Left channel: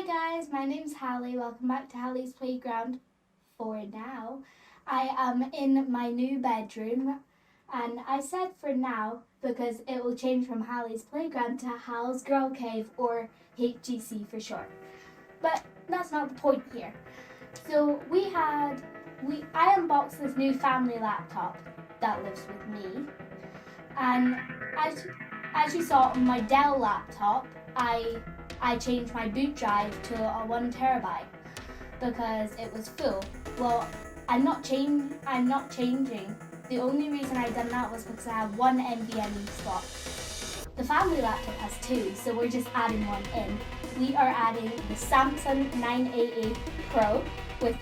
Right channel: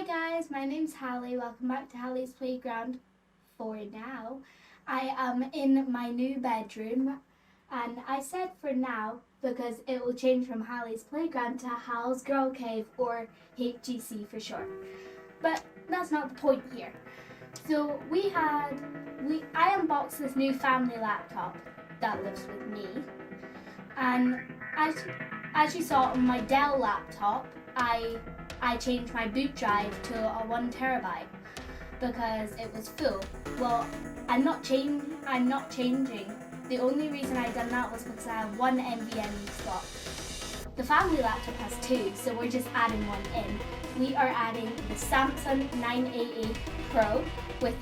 Hi guys, my name's Hallie. Welcome back to Hallies Playground. For now, I am in my new bedroom, and I said for now because it will change from Hallies Playground to Hal's Girl Cave, or HGC for short. But that's not the point here. So I unboxed this new family laptop that lives with me, and as you saw on my Dell laptop, I changed my boot drive to a 1 terabyte because it was full. Well, I'm not changing. The only reason I done that was because I have 1 NVMe slot. The family laptop has 2, so we're just adding 1 in. We are adding the Samsung 988 Pro with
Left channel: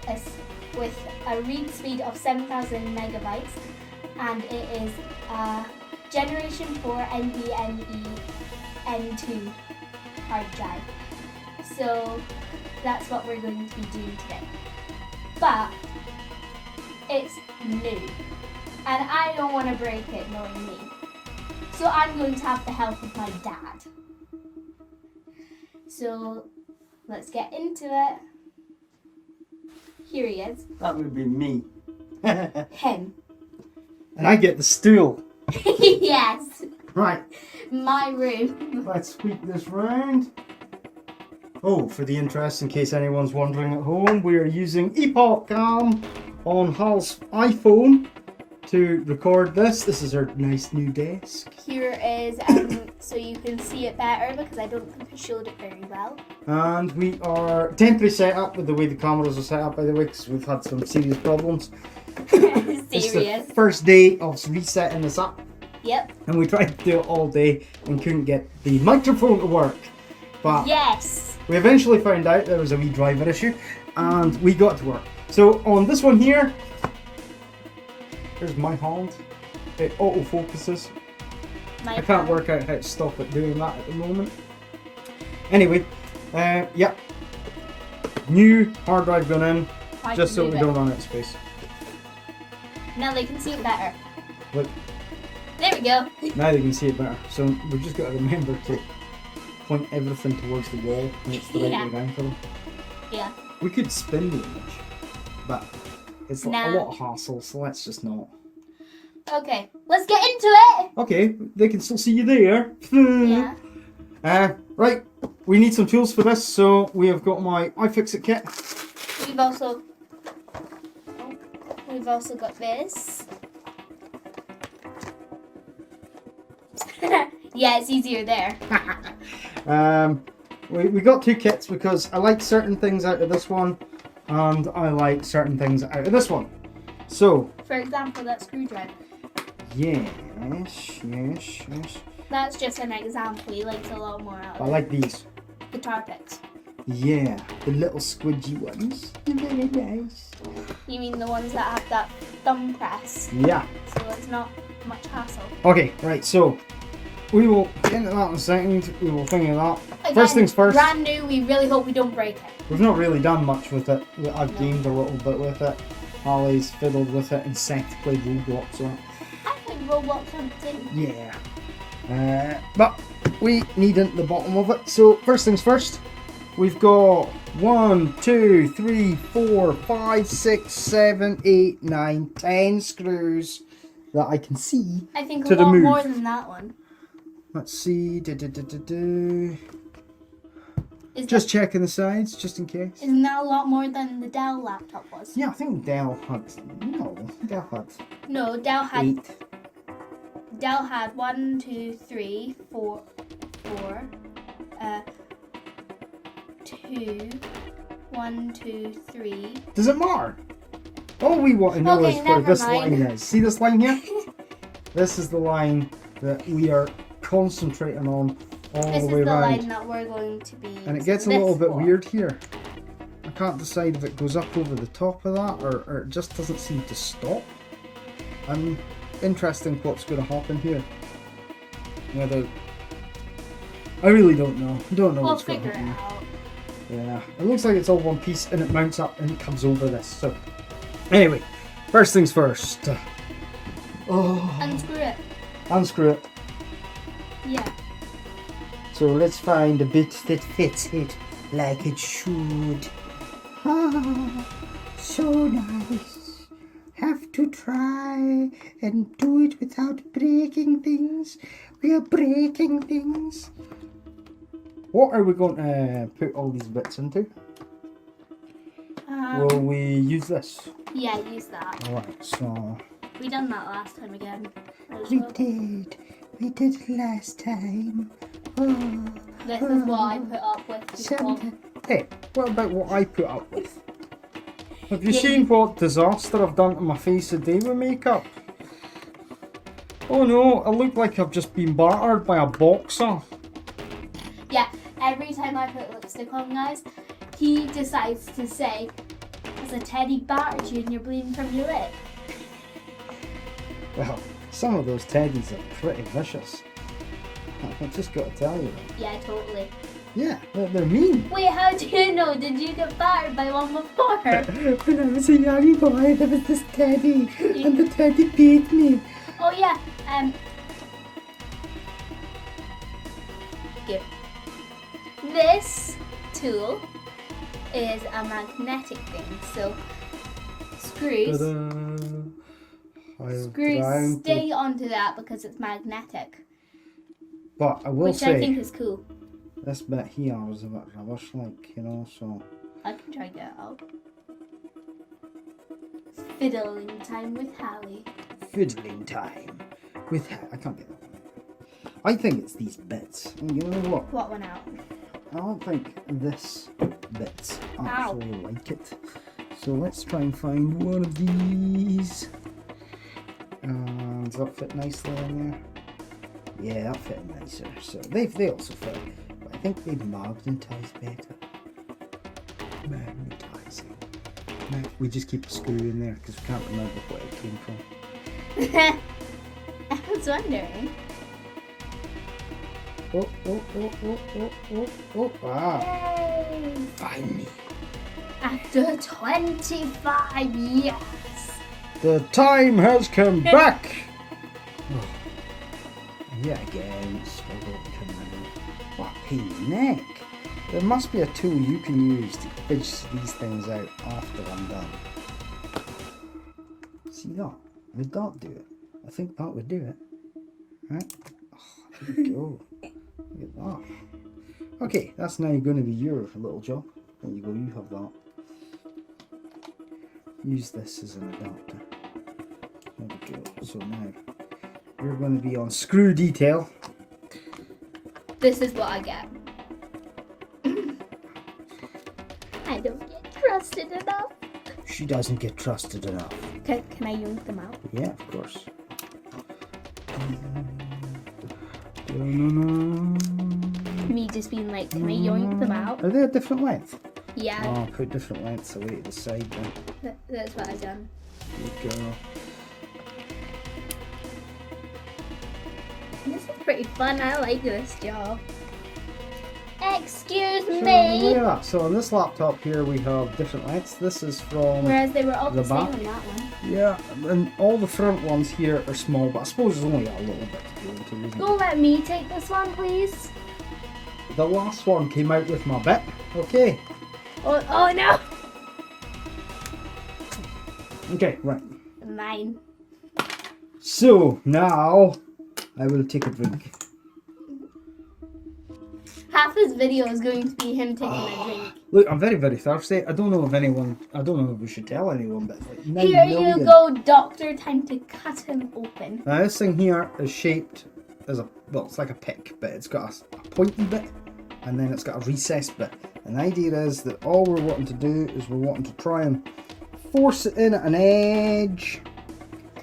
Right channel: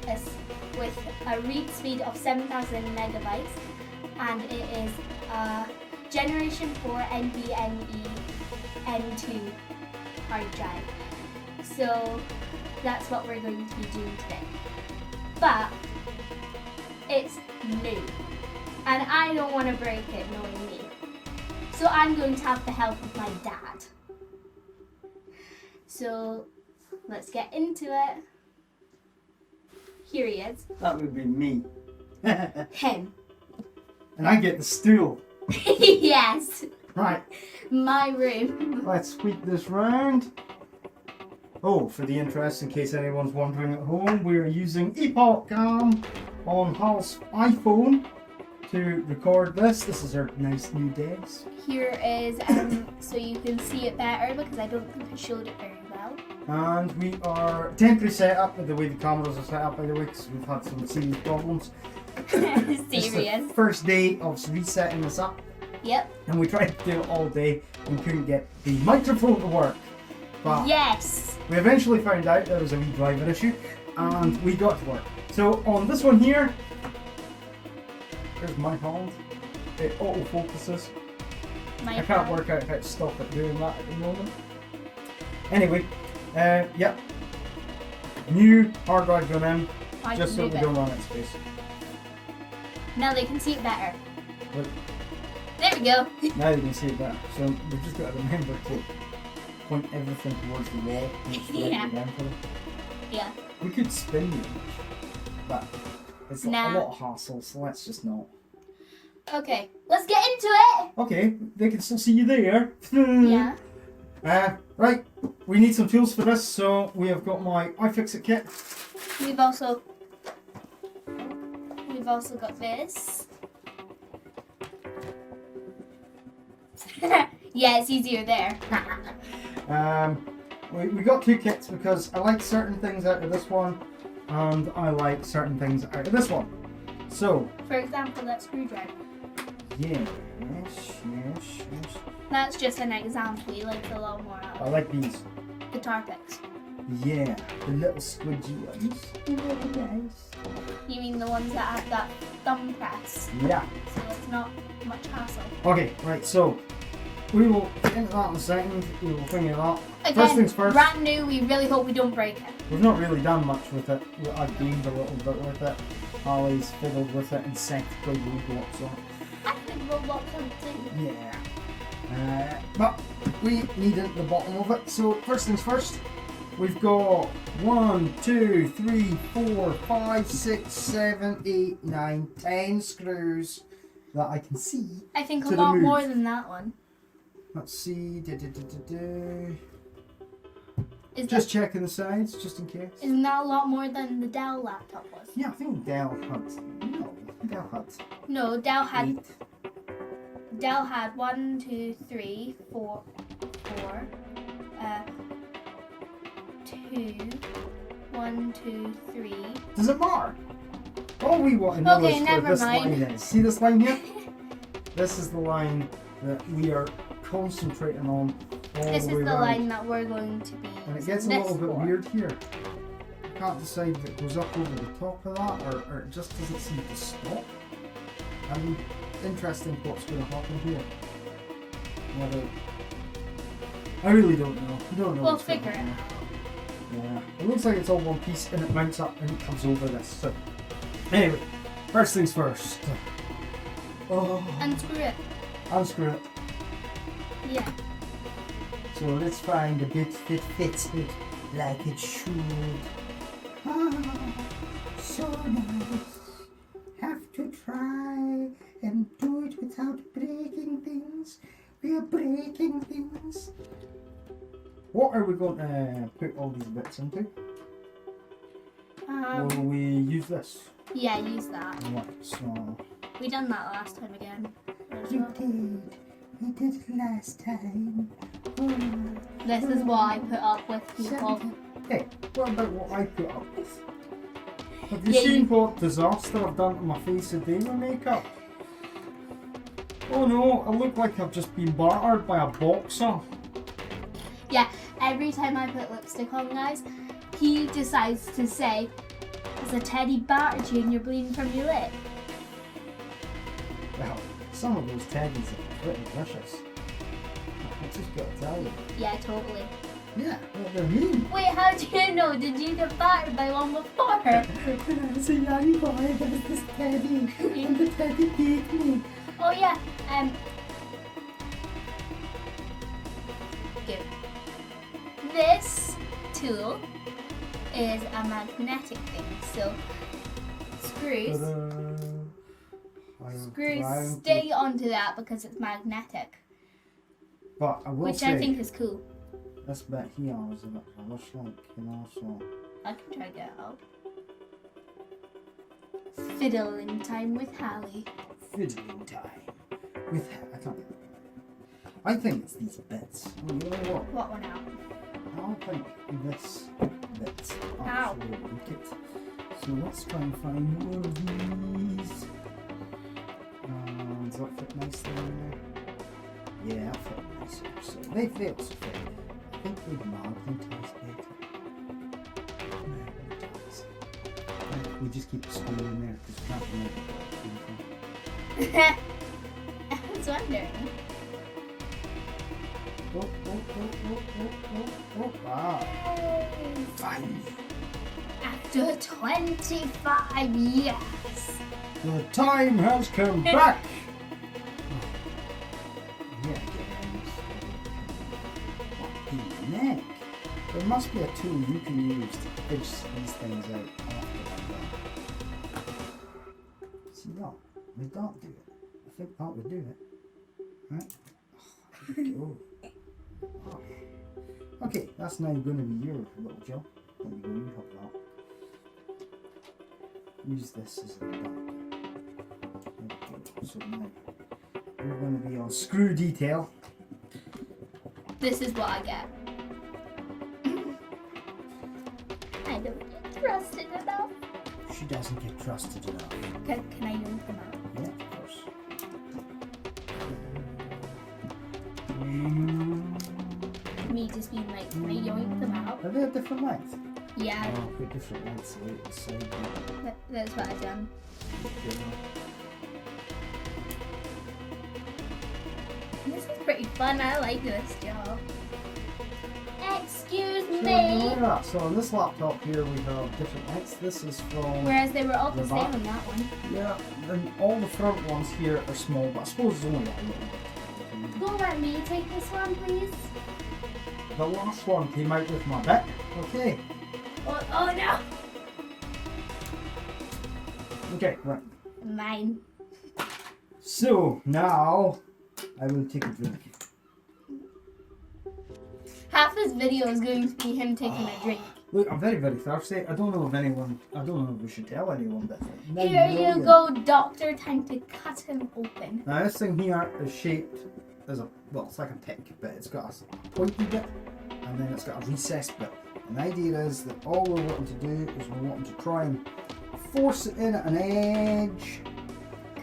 a read speed of 7,000 megabytes, and it is a Generation 4 NVMe N2 hard drive. So that's what we're going to be doing today. But it's new, and I don't want to break it, knowing me. So I'm going to have the help of my dad. So let's get into it. Here he is. That would be me. Him. And I get the stool. Yes. Right. My room. Let's sweep this round. Oh, for the interest, in case anyone's wondering at home, we're using Epoch on Hal's iPhone to record this. This is our nice new desk. Here is, so you can see it better because I don't think I showed it very well. And we are temporary setup with the way the cameras are set up, by the way, because we've had some serious problems. Serious. It's the first day of resetting this up. Yep. And we tried to do it all day and couldn't get the microphone to work. But yes, we eventually found out there was a wee driver issue and we got to work. So on this one here, there's my hand. It auto focuses. I can't work out how to stop it doing that at the moment. Anyway, yep. New hard drive going in, just so we don't run out of space. Now they can see it better. Look. There we go. Now they can see it better. So we've just got to remember to point everything towards the wall. And it's the right way down for them. Yeah. We could spin the image, but it's a lot of hassle, so let's just not. Okay, let's get into it. Okay, they can still see you there. Yeah. Right, we need some tools for this, so we have got my iFixit kit. We've also got this. Yeah, it's easier there. We got 2 kits because I like certain things out of this one, and I like certain things out of this one. So, for example, that screwdriver. Yes. That's just an example. He likes a lot more out of I like these. Guitar picks. Yeah, the little squidgy ones. Nice. You mean the ones that have that thumb press? Yeah. So it's not much hassle. Okay, right, so we will get into that in a second. We will think of that. Again, first things first. Brand new, we really hope we don't break it. We've not really done much with it. I've gamed a little bit with it. Hallies fiddled with it and Seth played Roblox on it. I played Roblox on it too. Yeah. But we need the bottom of it. So first things first. We've got 1, 2, 3, 4, 5, 6, 7, 8, 9, 10 screws that I can see. I think a lot more than that one. Let's see. Just checking the sides, just in case. Isn't that a lot more than the Dell laptop was? Yeah, I think Dell had. No, Dell had 8. Dell had 1, 2, 3, 4, 2, 1, 2, 3. Does it matter? All we want to know is where this line is. See this line here? This is the line that we are concentrating on all the way around. This is the line that we're going to be. And it gets a little bit weird here. I can't decide if it goes up over the top of that or it just doesn't seem to stop. Interesting what's going to happen here. I really don't know. Don't know what's going to happen. We'll figure it out. Yeah, it looks like it's all one piece and it mounts up and it comes over this. So, anyway, first things first. Unscrew it. Unscrew it. Yeah. So let's find a bit that fits it. like it should. Ah, so nice. Have to try and do it without breaking things. We are breaking things. What are we going to put all these bits into? Will we use this? Yeah, use that. Alright, so... We done that last time again. We did. We did it last time. Oh, This is what I put up with, people. Hey, what about what I put up with? Have you seen what disaster I've done to my face today with makeup? Oh no, I look like I've just been battered by a boxer. Yeah, every time I put lipstick on, guys, he decides to say, "Has a teddy battered you and you're bleeding from your lip?" Well, some of those teddies are pretty vicious. I've just got to tell you. Yeah, totally. Yeah, they're mean. Wait, how do you know? Did you get battered by one before? When I was a young boy, there was this teddy, and the teddy beat me. Oh yeah, Give. This tool is a magnetic thing, so screws stay onto that because it's magnetic. But I will which say, I think is cool. This bit here was a bit rubbish, like, you know, so... I can try to get it out. Fiddling time with Hallie. Fiddling time with I can't get that. I think it's these bits. And you know what? What one out? I don't think this bit's actually like it. So let's try and find one of these. Does that fit nicely in there? Yeah, that fit nicer. So they also fit. But I think they magnetize better. Magnetizing. Right, we just keep the screw in there because we can't remember where it came from. I was wondering. Ah. Yay. Finally. After 25 years. The time has come back. Yeah, again, struggle to what pain in the neck. There must be a tool you can use to fidge these things out after I'm done. See that? Would that do it? I think that would do it. Right? Oh, there we go. Look at that. Okay, that's now going to be your little job. There you go, you have that. Use this as an adapter. There we go. So now we're going to be on screw detail. This is what I get. I don't get trusted enough. She doesn't get trusted enough. Can I yoink them out? Yeah, of course. Me just being like, can I yoink them out? Are they a different length? Yeah. Oh, put different lengths away to the side then. That's what I've done. There you go. This is pretty fun. I like this job. Excuse So, me. yeah, so on this laptop here we have different lengths. This is from... Whereas they were all the the same back. on that one. Yeah, and all the front ones here are small, but I suppose there's only a little bit to do with it, isn't Go let me take this one, please. The last one came out with my bit. Okay. Oh no. Okay, right. Mine. So, now I will take a drink. Half this video is going to be him taking a drink. Look, I'm very, very thirsty. I don't know if we should tell anyone, but it's like 9 Here million. you go, doctor. Time to cut him open. Now this thing here is shaped as it's like a pick, but it's got a pointy bit, and then it's got a recessed bit. And the idea is that all we're wanting to do is we're wanting to try and force it in at an edge.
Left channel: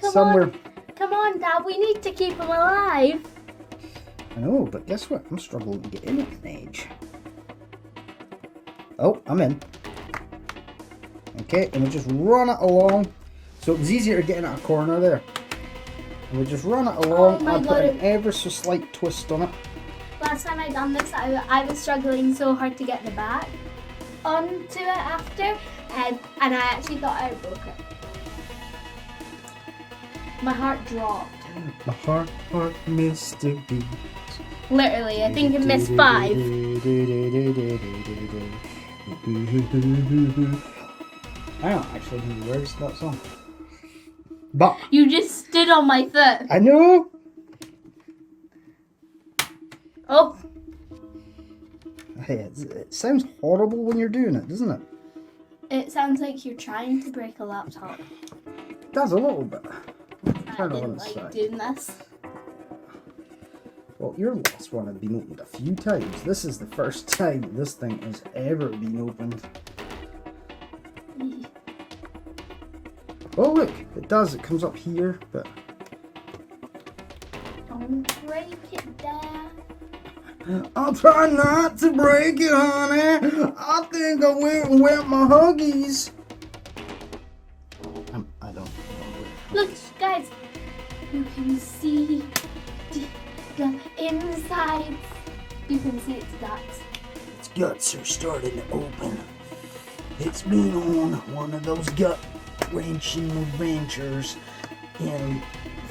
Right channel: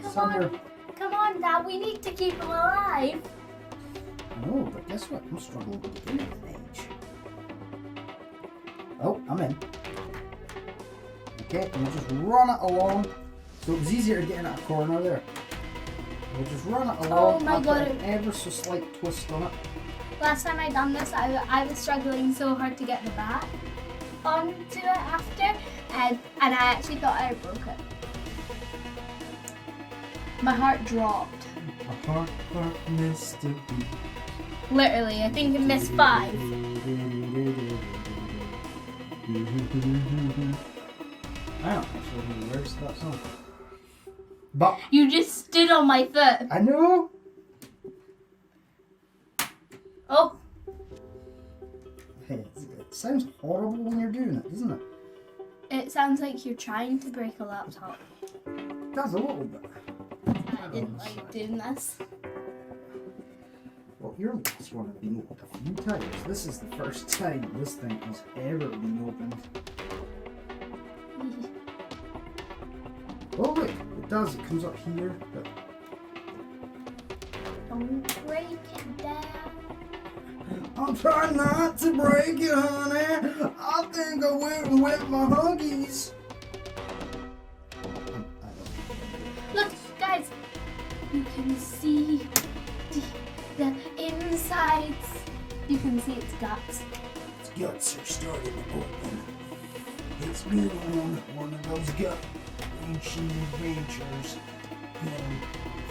Somewhere. Come on, Dad. We need to keep him alive. I know, but guess what? I'm struggling to get in at an edge. Oh, I'm in. Okay, and we just run it along. So it was easier to get in at a corner there. And we just run it along. Oh my and God. put an ever so slight twist on it. Last time I done this, I was struggling so hard to get the back onto it after, and I actually thought I broke it. My heart dropped. My heart missed a beat. Literally, I think it missed 5. I don't actually know the words to that song. But You just stood on my foot. I know. Oh, Hey, it sounds horrible when you're doing it, doesn't it? it sounds like you're trying to break a laptop. It does a little bit. I didn't like doing this. Well, your last one had been opened a few times. This is the first time this thing has ever been opened. Oh look, it does. It comes up here, but Don't break it down. I'll try not to break it, honey. I think I went and wet my Huggies. I don't know. Look, guys, you can see the insides. You can see its guts. Its guts are starting to open. It's been on one of those gut wrenching adventures in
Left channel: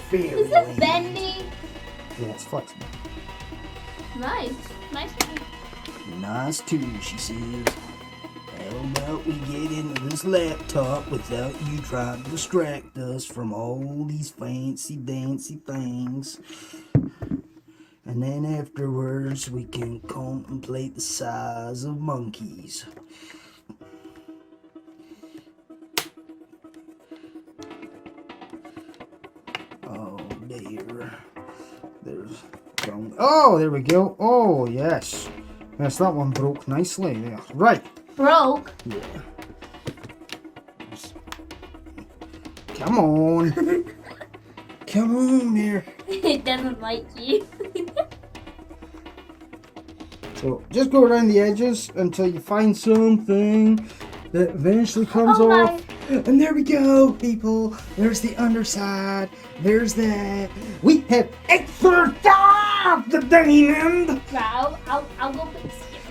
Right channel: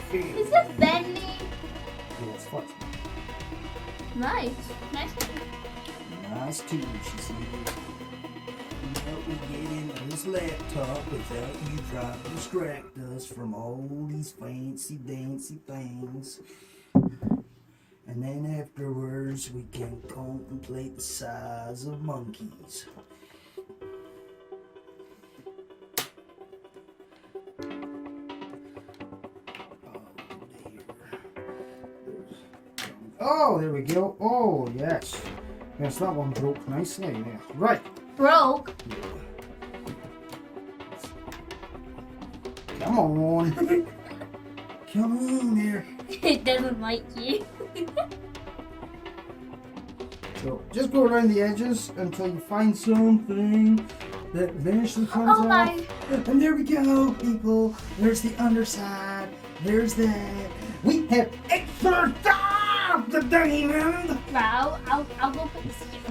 fairyland. Is it bendy? Yeah, it's flexible. Nice. Nice. Nice too, she says. How about we get into this laptop without you trying to distract us from all these fancy dancy things. And then afterwards we can contemplate the size of monkeys. Oh dear. Oh, there we go. Oh, yes. Yes, that one broke nicely there. Right. Broke? Yeah. Come on. Come on there. It doesn't like you. So, just go around the edges until you find something that eventually comes Oh off. my. And there we go, people. There's the underside. There's that. We have exercised the diamond. Right, I'll go put this here.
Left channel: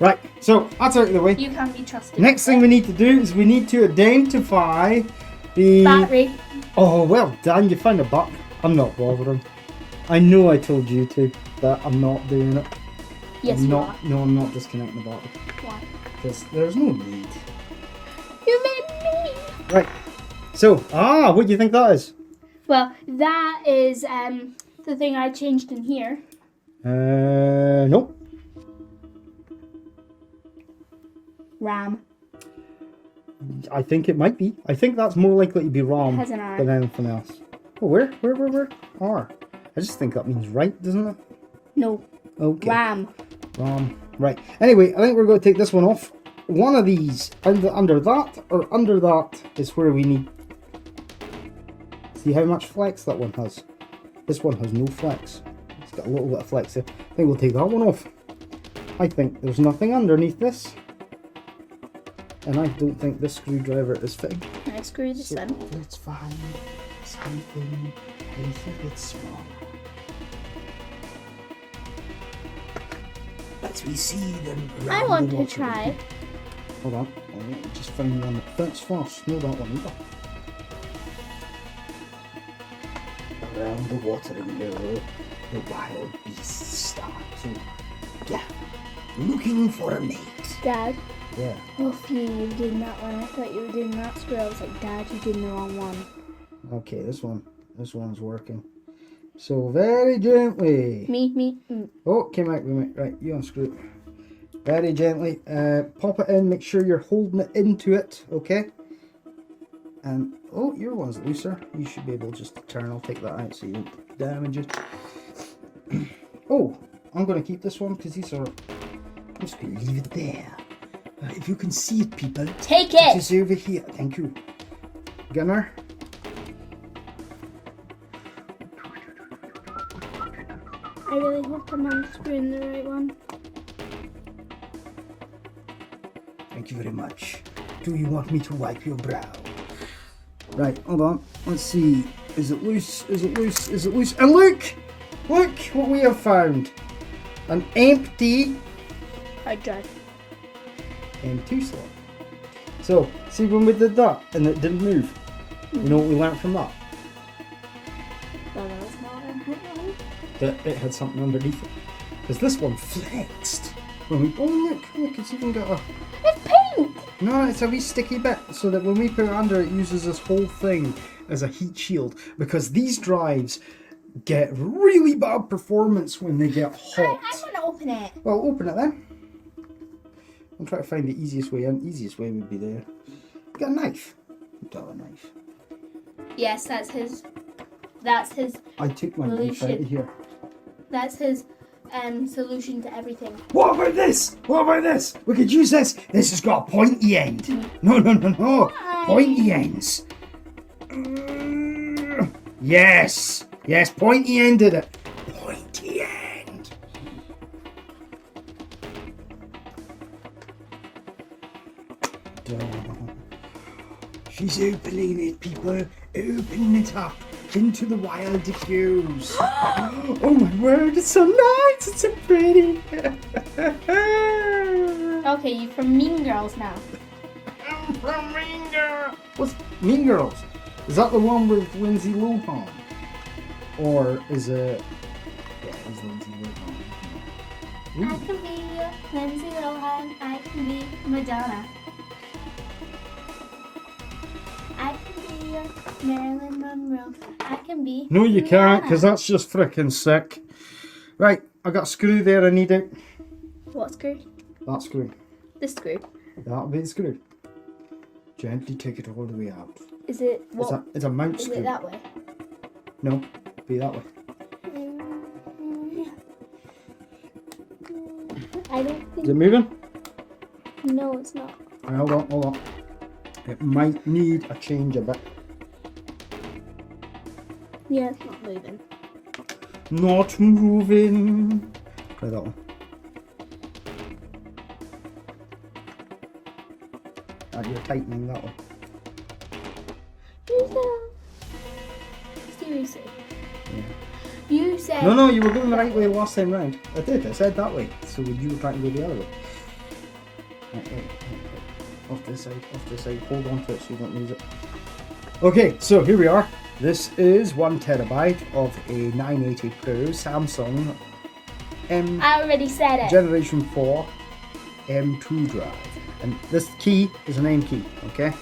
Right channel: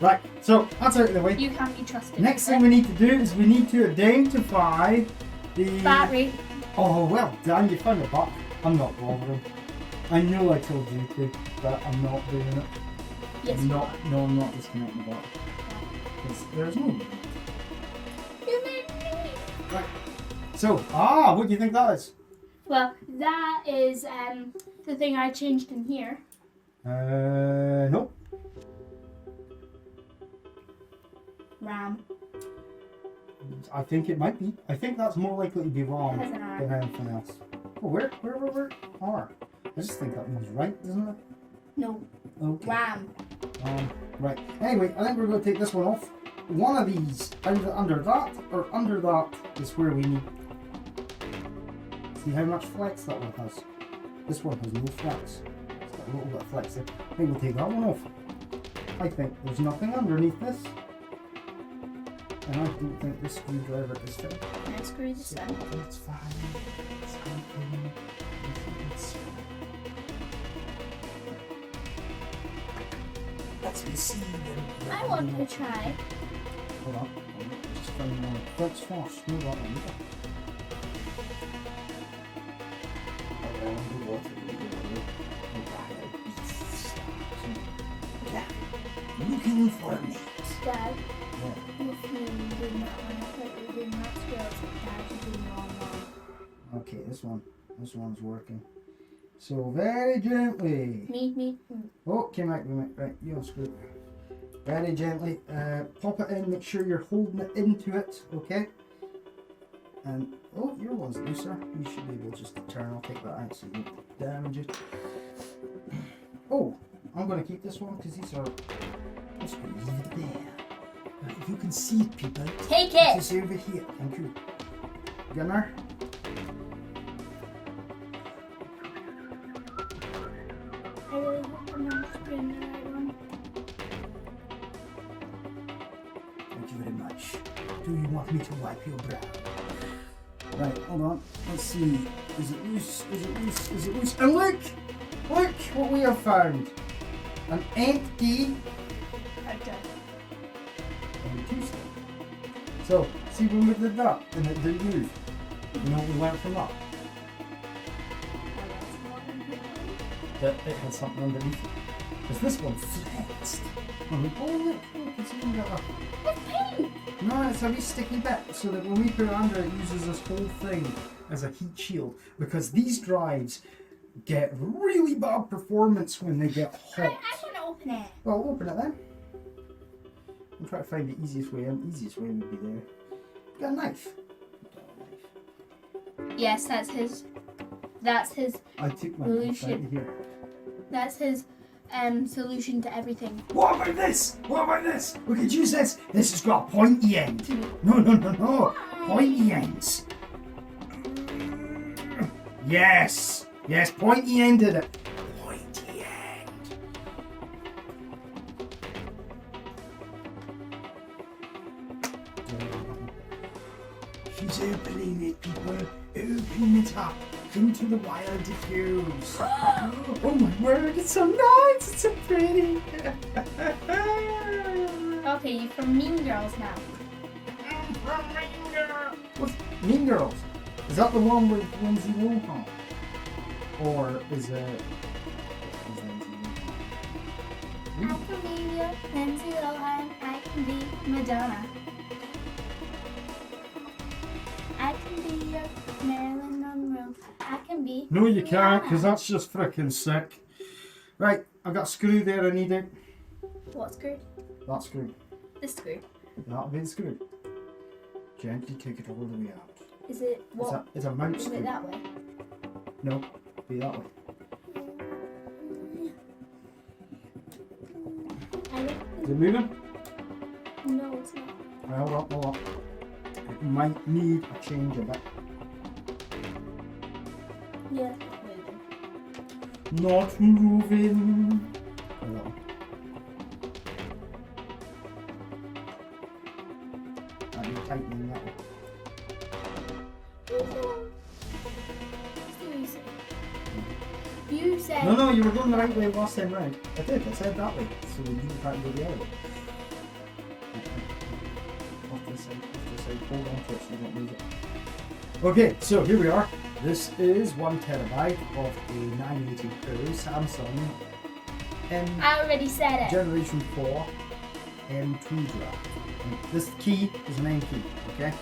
Right, so that's out of the way. You can't be trusted. Next thing we need to do is we need to identify the... Battery. Oh, well done. You found a buck. I'm not bothering. I know I told you to, but I'm not doing it. Yes, I'm you not. are. No, I'm not disconnecting the battery. Why? Because there's no need. You made me. Right. So, what do you think that is? Well, that is the thing I changed in here. Nope. RAM. I think it might be. I think that's more likely to be It wrong has an R. than anything else. Oh, where? R. I just think that means right, doesn't it? No. Okay. RAM. Right. Anyway, I think we're going to take this one off. One of these, either under that or under that, is where we need. See how much flex that one has? This one has no flex. It's got a little bit of flex there. I think we'll take that one off. I think there's nothing underneath this. And I don't think this screwdriver is fitting. Can I screw this in? It's fine. It's fine. I think it's strong. As we see them. I want to try. Hold on. I just found one. That's fast. No, that one either. Around the watering hole, the wild beasts start to gather, looking for a mate. Dad, Yeah. both you were doing that one. I thought you were doing that square. I was like, Dad, you did the wrong one. Okay, this one's working. So very gently. Me. Oh, came out. Right, you unscrew. Very gently. Pop it in. Make sure you're holding it into it. Okay. And oh, your one's looser. You should be able just to turn. I'll take that out so you don't damage it. Oh, I'm going to keep this one because these are. I'm just going to leave it there. If you can see it, people. Take it. It's over here. Thank you. Gunner. I really hope I'm unscrewing the right one. Thank you very much. Do you want me to wipe your brow? Right, hold on. Let's see. Is it loose? Is it loose? Is it loose? And look! Look what we have found. An empty Hard drive. M2 slot. So, see when we did that and it didn't move? You know what we learned from that? Oh, that was not in here. That it had something underneath it. is this one flexed. When we, oh look, it's even got a... It's pink! No, it's a wee sticky bit, so that when we put it under, it uses this whole thing as a heat shield. Because these drives get really bad performance when they get hot. I want to open it. Well, open it then. I'm trying to find the easiest way in. Easiest way would be there. Get a knife. Got a knife. Yes, that's his. I took my knife out of here. That's his solution to everything. What about this? What about this? We could use this. This has got a pointy end. No. Why? Pointy ends. Yes. Yes, pointy ended it. Pointy end. She's opening it, people. Open it up into the wild diffuse. Oh my word, it's so nice. It's so pretty. Okay, you're from Mean Girls now. I'm from Mean Girls. What's Mean Girls? Is that the one with Lindsay Lohan? Or is it... Yeah, it's Lindsay Lohan. I can be your Lindsay Lohan. I can be Madonna. I can be your Marilyn Monroe. I can be... No, you can't, because Rihanna. that's just freaking sick. Right, I got a screw there, I need it. What screw? That screw. This screw. That'll be the screw. Gently take it all the way out. Is it what? It's a mount Is screw. it that way? No, be that way. I don't Is think. it moving? No, it's not. Right, hold on. It might need a change a bit. Yeah, it's not moving. Not moving. Try that one. Right, you're tightening that one. Seriously. You said. No, you were going the right way last time round. I did, I said that way. So you were trying to go the other way. Right. Off this side. Hold on to it so you don't lose it. Okay, so here we are. This is 1 terabyte of a 980 Pro Samsung I already said it. Generation 4 M2 drive. And this key is an M key, okay?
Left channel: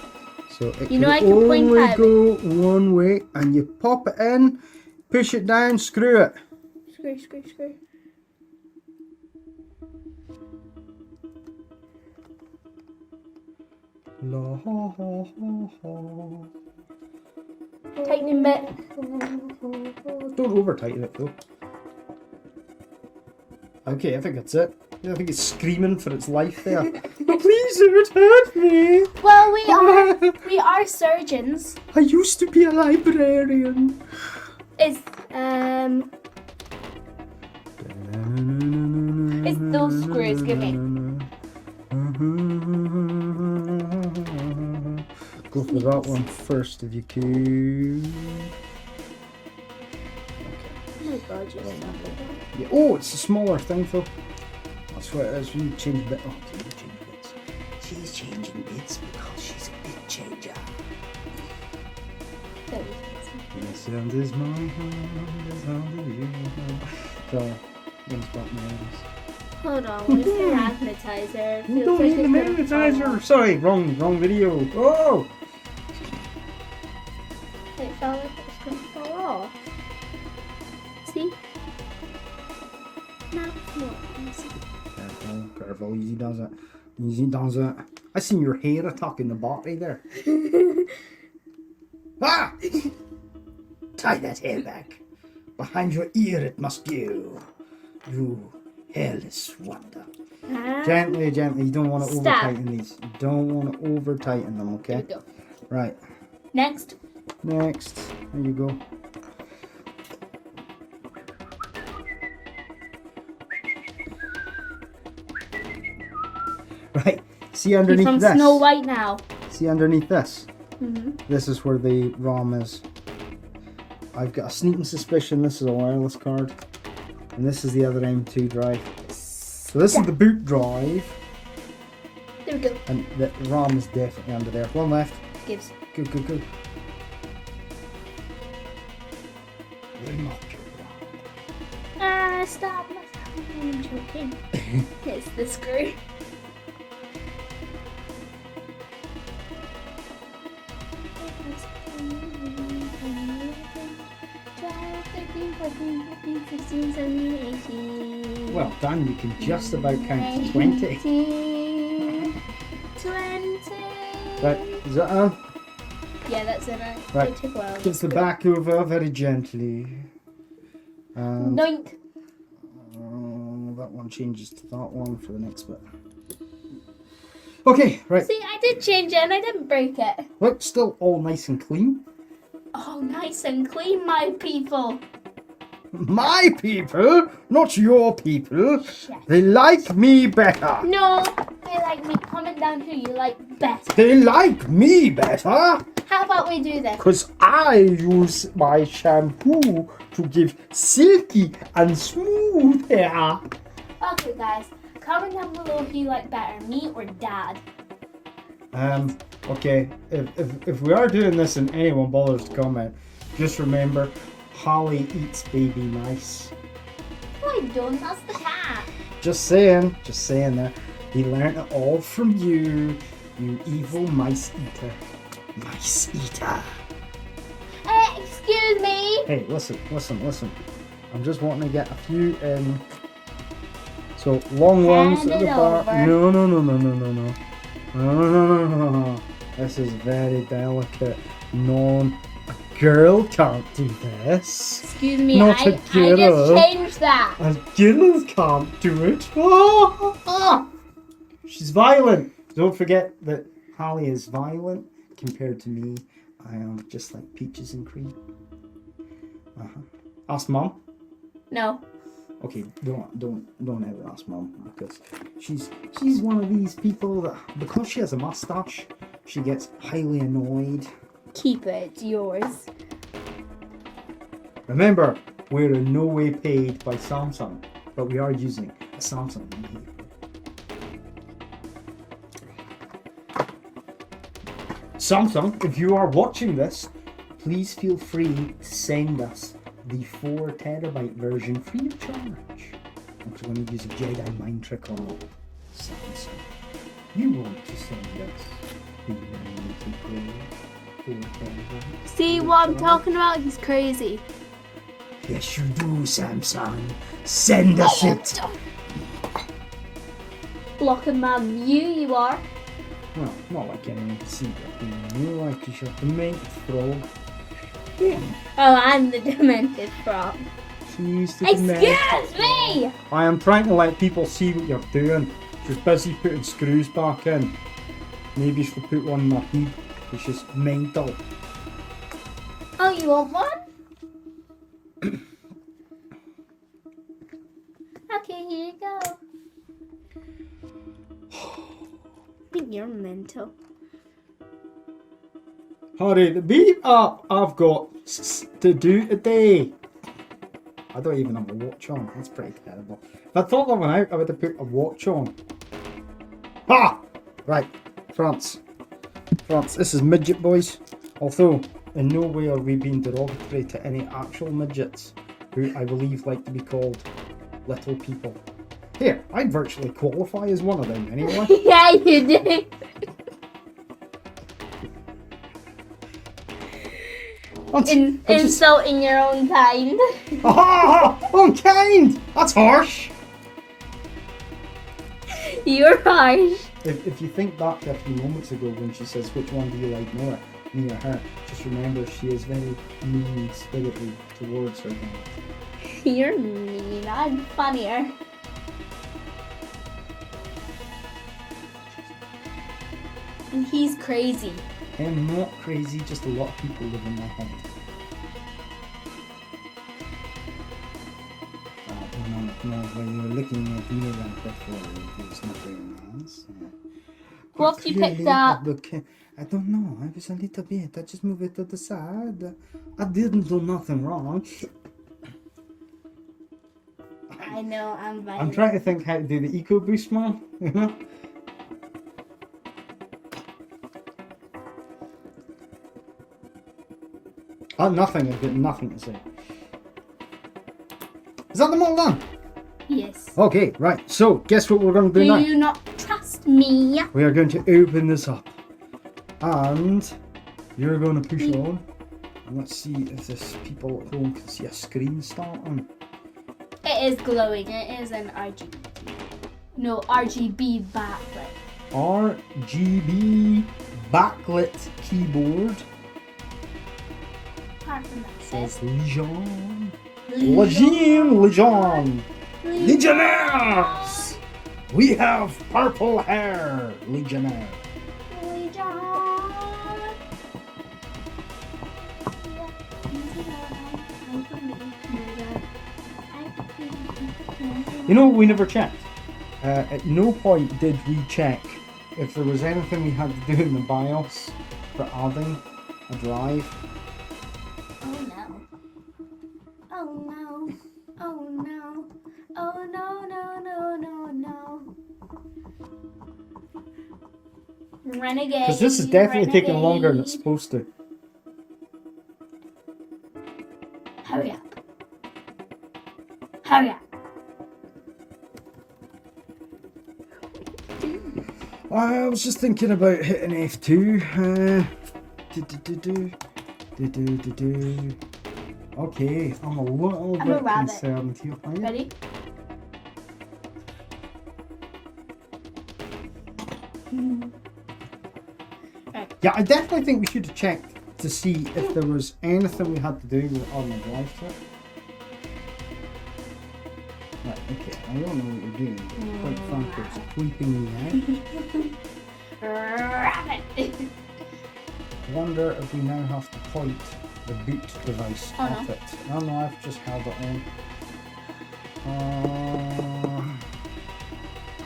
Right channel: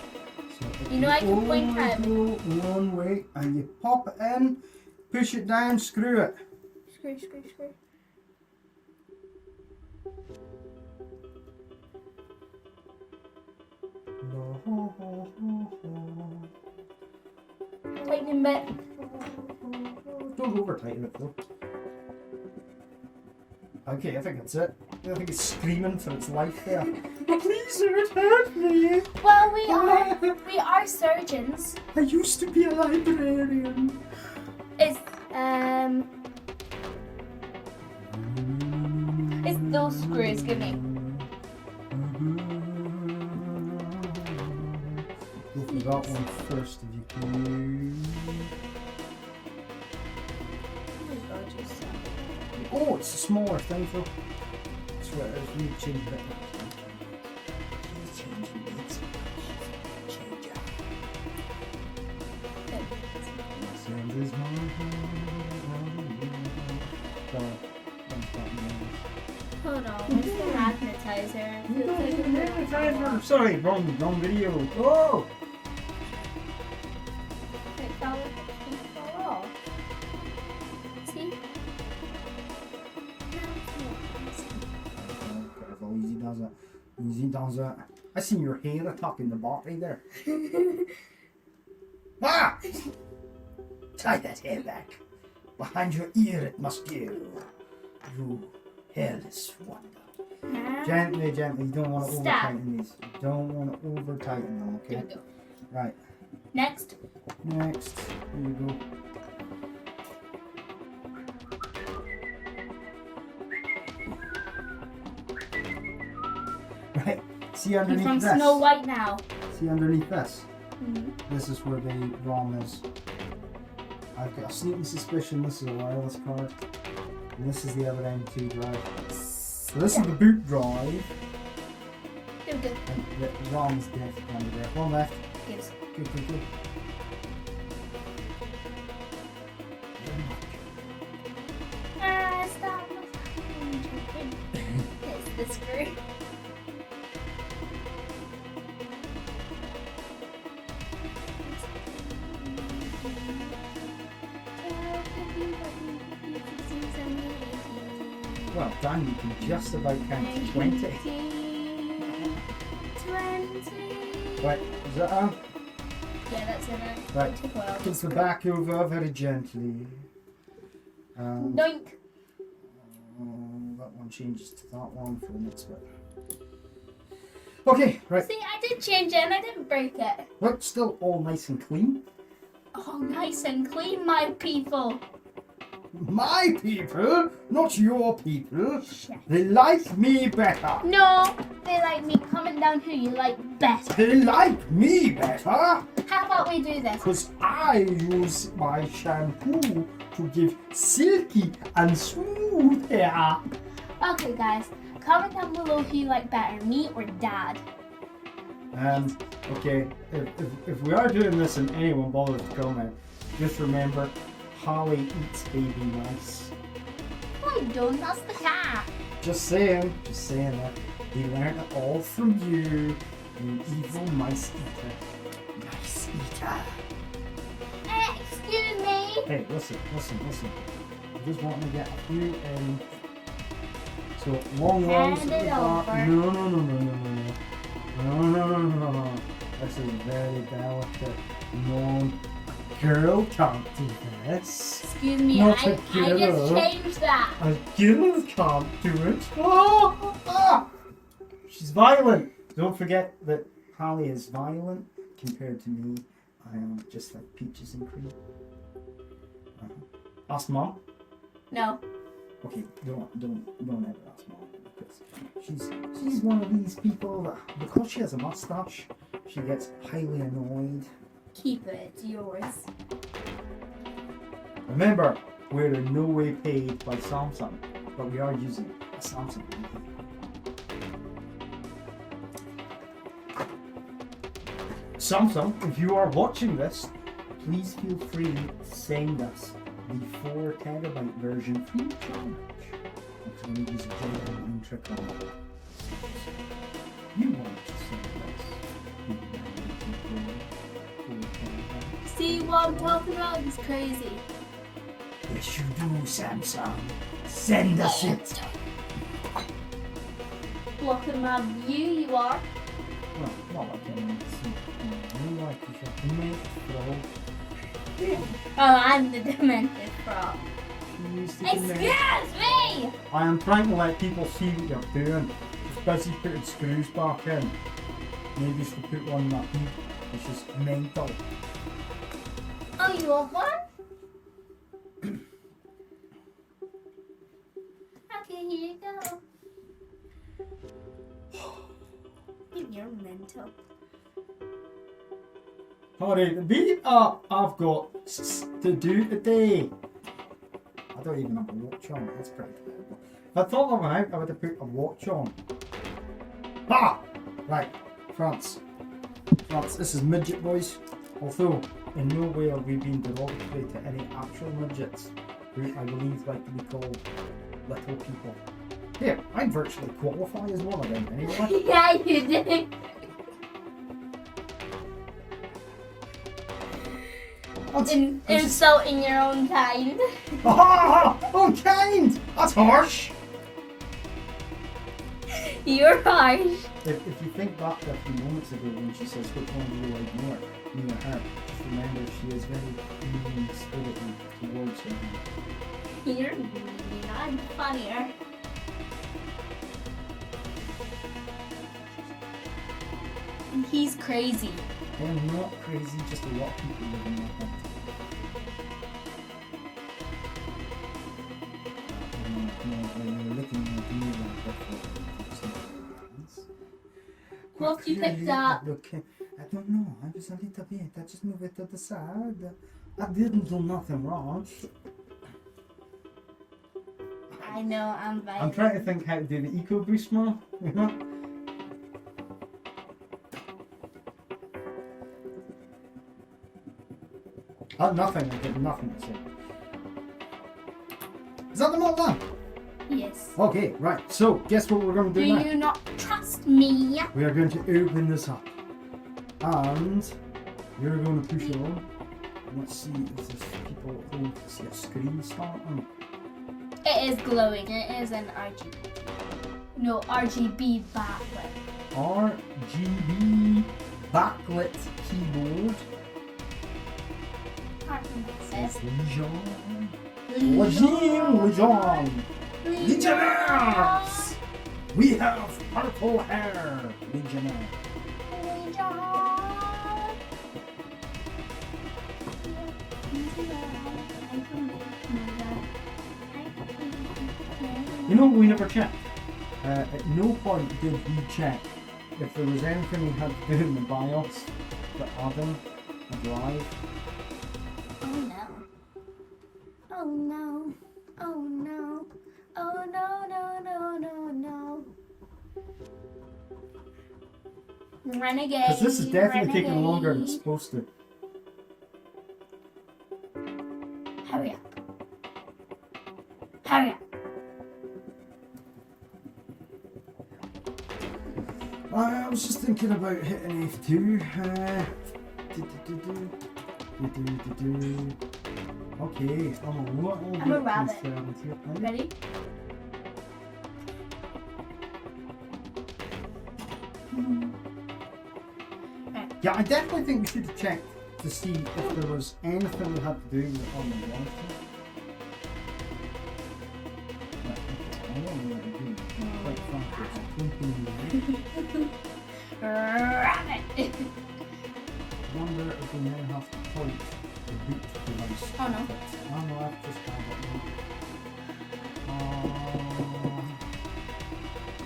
So it You know I can point only at go one way, and you pop it in, push it down, screw it. Screw. Tightening bit. Don't over tighten it though. Okay, I think that's it. I think it's screaming for its life there. Please don't hurt me. Well, we are surgeons. I used to be a librarian. It's It's those screws, give me. Go for that one first if you could. Oh my god, you're so Yeah. Oh, it's a smaller thing though. That's what it is. We change bit. Oh, can you change bits? She's changing bits because she's a bit changer. The sound is my sound is you. So, one's back now. Hold on, where's the magnetizer? You Feels don't like need the it's gonna fall magnetizer. off. Sorry, wrong video. Oh! It felt like it was going to fall off. See? No, it's not. Careful, easy does it. I seen your hair attacking the battery there. Ah! Tie that hair back. Behind your ear it must go. You hairless wonder. Gently. You don't want to over Stop. tighten these. You don't want to over tighten them, okay? Here we go. Right. Next. There you go. Right. See You're underneath from this. Snow White now. See underneath this. Mm-hmm. This is where the ROM is. I've got a sneaking suspicion this is a wireless card. And this is the other M2 drive. So this is the boot drive. There we go. And the ROM is definitely under there. One left. Gives. Good. Stop. I'm choking. It's the screw. Well done, you can just about count to 20. 20. Right, is that on? Yeah, that's it. Right. It took a while. Put the back over very gently. And Noink. that one changes to that one for the next bit. Okay, right. See, I did change it and I didn't break it. Look, still all nice and clean. Oh, nice and clean, my people. My people, not your people. Shit. They like me better. No, they like me. Comment down who you like better. They like me better. How about we do this? Because I use my shampoo to give silky and smooth hair. Okay, guys. Comment down below who you like better, me or Dad. Okay, if we are doing this and anyone bothers to comment, just remember, Holly eats baby mice. No, I don't. That's the cat. Just saying there. He learned it all from you, you evil mice eater. Mice eater. Excuse me. Hey, listen. I'm just wanting to get a few in. So, long ones at the bar. No. No. This is very delicate. No, a girl can't do this. Excuse me, Not I a girl. just changed that. A girl can't do it. She's violent. Don't forget that Hallie is violent compared to me. I am just like peaches and cream. Ask Mum. No. Okay, don't ever ask Mum because she's one of these people that because she has a mustache, she gets highly annoyed. Keep it. It's yours. Remember, we're in no way paid by Samsung, but we are using a Samsung here. Samsung, if you are watching this, please feel free to send us the 4 terabyte version free of charge. I'm just going to use a Jedi mind trick on it. Samsung, you want to send us the 4 terabyte? See what I'm talking about? He's crazy. Yes, you do, Samsung. Send us it. Blocking man, you are. Well, not like anyone can see that. You know, like you should make throw. Yeah. Oh, I'm the demented frog. She's the Excuse me! I am trying to let people see what you're doing. She's busy putting screws back in. Maybe you should put one in my head. It's just mental. Oh, you want one? Okay, here you go. I think you're mental. Hurry, the beat up! I've got to do today. I don't even have a watch on. That's pretty terrible. If I thought that one out, I would have put a watch on. Ah! Right, France. This is midget boys. Although, in no way are we being derogatory to any actual midgets, who I believe like to be called little people. Here, I'd virtually qualify as one of them anyway. Yeah, you do. Insulting your own kind. Ah! Unkind! That's harsh! You're harsh. If you think back to a few moments ago when she says, which one do you like more, me or her, just remember she is very mean-spirited towards her. You're mean. I'm funnier. And he's crazy. I am not crazy, just a lot of people live in my head. No, when you're looking at me like that, it's not very nice. What have you picked up? I don't know, I was a little bit, I just moved it to the side. I didn't do nothing wrong. I know, I'm violent. I'm trying to think how to do the eco boost, man, you know? Nothing, I've got nothing to say. Is that them all done? Yes. Okay, right. So, guess what we're going to do Do now? you not trust me? We are going to open this up. And you're going to push it on. And let's see if this people at home can see a screen starting. It is glowing. It is an RGB. No, RGB backlit. RGB backlit keyboard. Apart from Says this. Legion. Legion. Legionnaires! We have purple hair, Legionnaire. You know, we never checked. At no point did we check if there was anything we had to do in the BIOS for adding a drive. Oh no. Oh no. Oh no. Oh no, no, no, no, no. Renegade. Because this is definitely taking longer than it's supposed to. Hurry up. Hurry up. I was just thinking about hitting F2. Okay, I'm a little I'm a bit rabbit. concerned here. Are you? Ready? Right. Yeah, I definitely think we should have checked to see if there was anything we had to do with it on the live chat. Right, okay, I don't know what you're doing. Quite frankly, it's creeping me out. Rabbit. I wonder if we now have to point the boot device at it. Oh no, I've just held it on.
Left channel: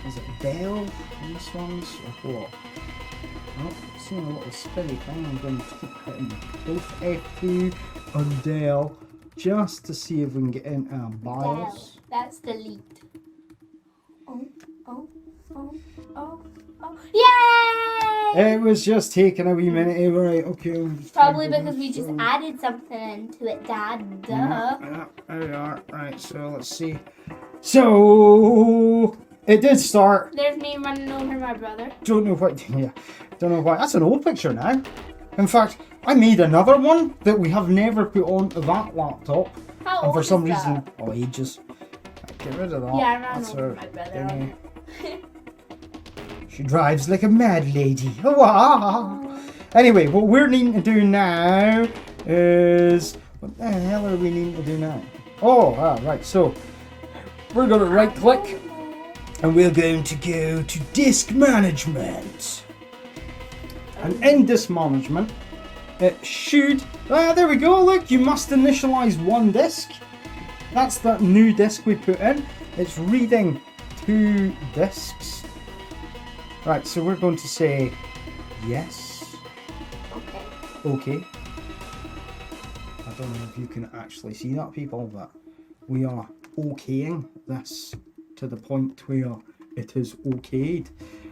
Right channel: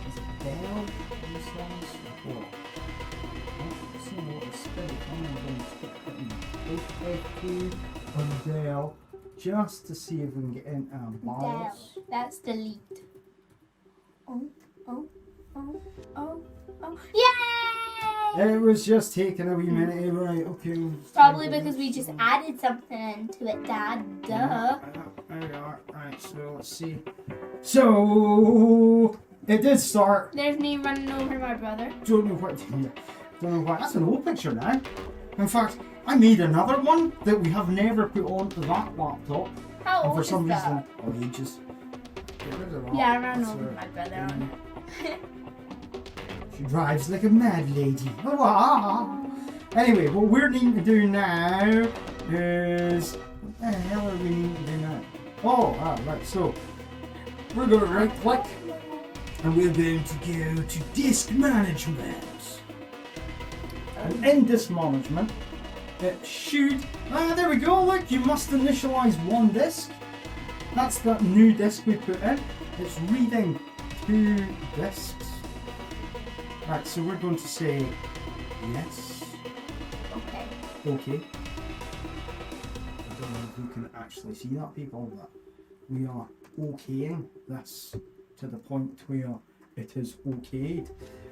Is it Dell in this one's or what? Oh, seeing a little spinny thing. I'm going to keep hitting both F2 and Dell just to see if we can get into a BIOS. Down. That's delete. Oh, oh, oh, oh, oh. Yay! It was just taking a wee minute. Right, okay. Probably because we just added something into it, Dad. Duh. Yeah, there we are. Right, so let's see. So it did start. There's me running over my brother. Don't know what. Yeah, don't know why. That's an old picture now. In fact, I made another one that we have never put onto that laptop. How And old for some is reason, that? oh, ages. Get rid of that. Yeah, I ran That's over her my brother thingy. on She drives like a mad lady. Hurrah! Anyway, what we're needing to do now is... What the hell are we needing to do now? Oh, right. So, we're going to right click and we're going to go to disk management. And in disk management, it should... there we go, look, you must initialize one disk. That's that new disk we put in. It's reading 2 disks. Right, so we're going to say yes. Okay. Okay. I don't know if you can actually see that, people, but we are okaying this to the point where it is okayed.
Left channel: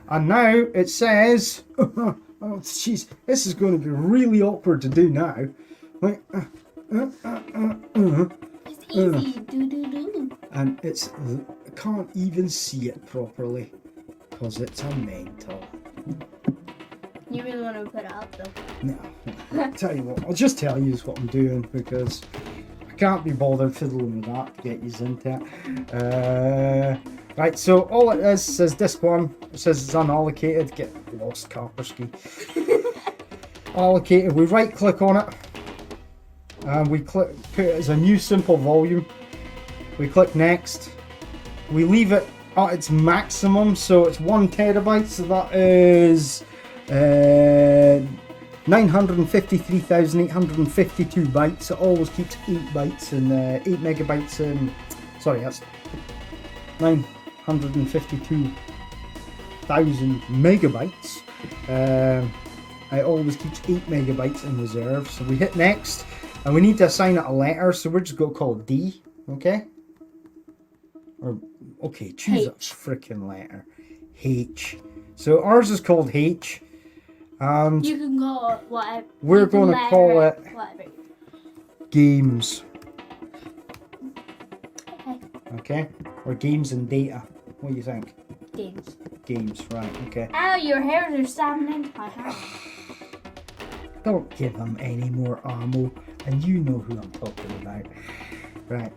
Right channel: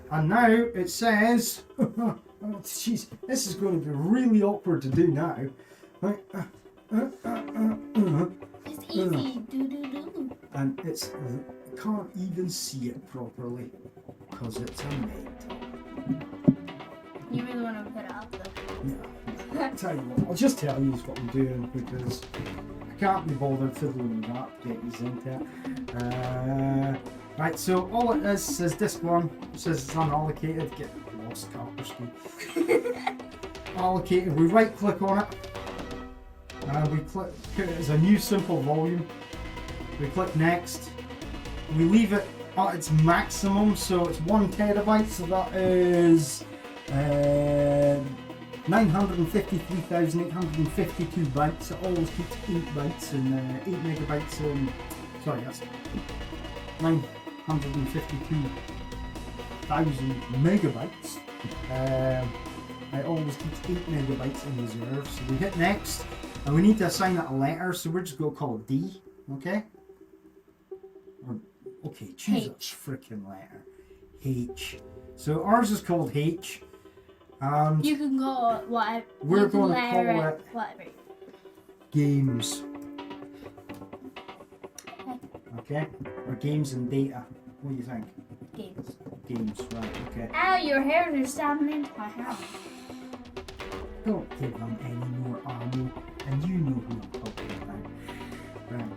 And now it says, oh jeez, this is going to be really awkward to do now. Like, It's easy. Do. and it's, I can't even see it properly because it's a mental. You really want to put it up though? No. Tell you what, I'll just tell you what I'm doing because I can't be bothered fiddling with that to get you into it. Right, so all it is says disk 1, it says it's unallocated. Get lost, Kaspersky. Allocated, we right click on it and we put it as a new simple volume. We click next. We leave it at its maximum, so it's 1 terabyte, so that is 953,852 bytes. It always keeps 8 bytes and 8 megabytes and sorry, that's 952,000 megabytes. It always keeps 8 megabytes in reserve. So we hit next, and we need to assign it a letter. So we're just going to call it D, okay? Or okay, choose a freaking letter. H. So ours is called H. And you can call it whatever. we're going to call it whatever. games. Okay. Okay? Or games and data. What do you think? Games. Games, right, okay. Ow, your hairs are stabbing into my hand. Don't give them any more ammo, and you know who I'm talking about. Right.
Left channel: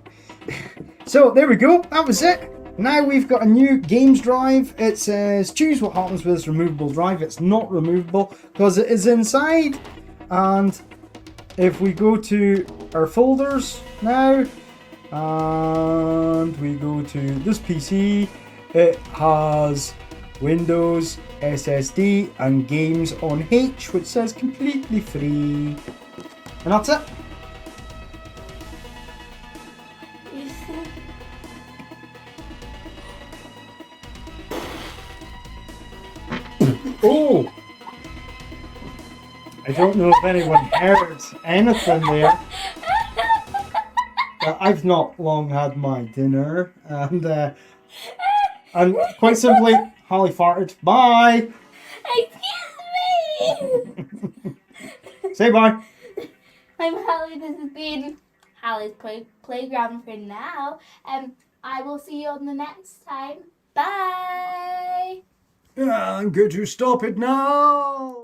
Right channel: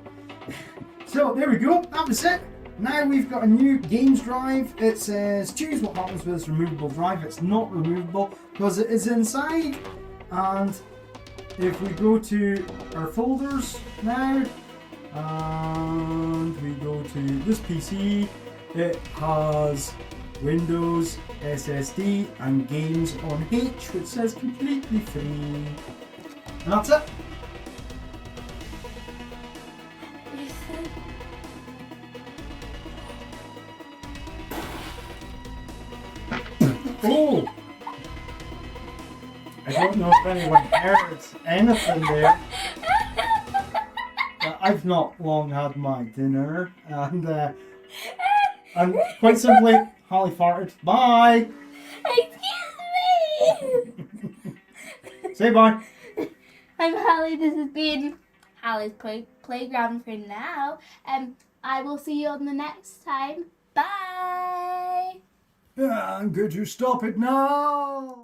So, there we go. That was it. Now we've got a new games drive. It says, choose what happens with this removable drive. It's not removable because it is inside. And if we go to our folders now, and we go to this PC, it has Windows, SSD, and games on H, which says completely free. And that's it. Oh! I don't know if anyone heard anything there. I've not long had my dinner, and quite simply, Holly farted. Bye! Excuse me! Say bye! I'm Hallie, this has been Hallie's Playground for now. I will see you on the next time. Bye! I'm going to stop it now!